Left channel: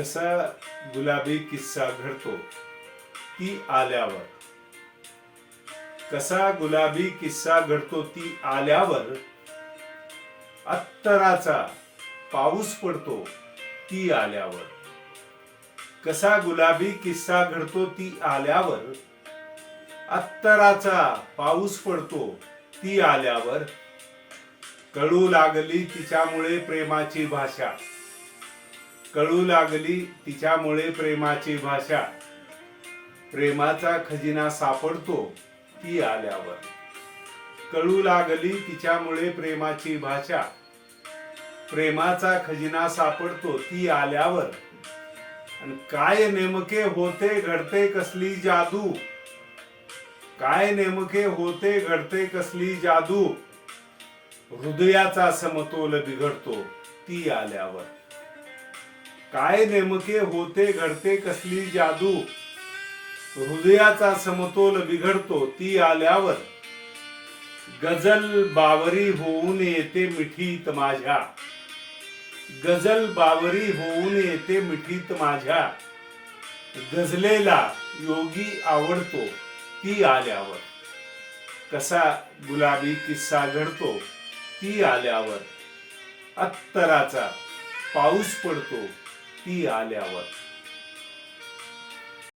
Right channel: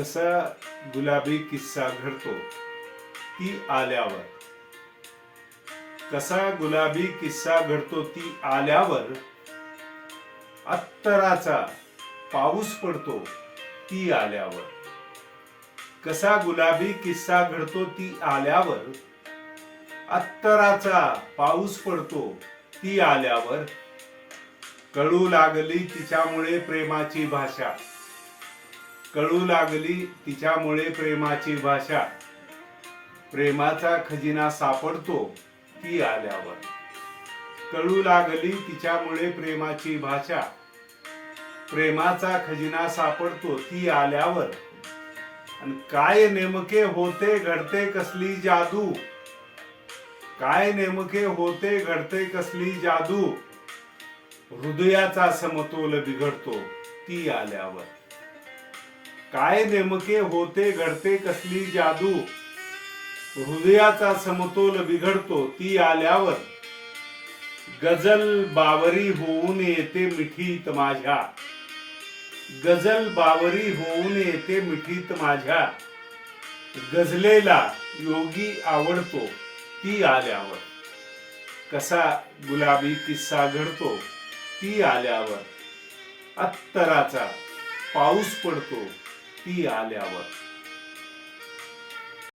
कसा गुलाबी किस्सा घडतो ती आल्यावर. कसा गुलाबी किस्सा घडतो ती आल्यावर. अत्तराचा पाऊस पडतो ती आल्यावर. कसा गुलाबी किस्सा घडतो ती आल्यावर. अत्तराचा पाऊस पडतो ती आल्यावर. कळू लागली तिच्यामुळे प्रेमाची भाषा. कळू लागली तिच्यामुळे प्रेमाची भाषा. प्रेमाचा खजिना सापडतो ती आल्यावर. कळू लागली तिच्यामुळे प्रेमाची भाषा. प्रेमाचा खजिना सापडतो ती आल्यावर. आणि काय नेमके होते घडते कसली जादू. काय नेमके होते घडते कसली जादू. हृदयाचा समतोल बिघडतो ती आल्यावर. काय नेमके होते घडते कसली जादू. हृदयाचा समतोल बिघडतो ती आल्यावर. गजल बावरी होऊन येते मिठीत माझ्या. गजल बावरी होऊन येते मिठीत माझ्या. गझलेला योगी आवडतो ती आल्यावर. कसा गुलाबी किस्सा घडतो ती आल्यावर. अत्तराचा पाऊस पडतो ती आल्यावर.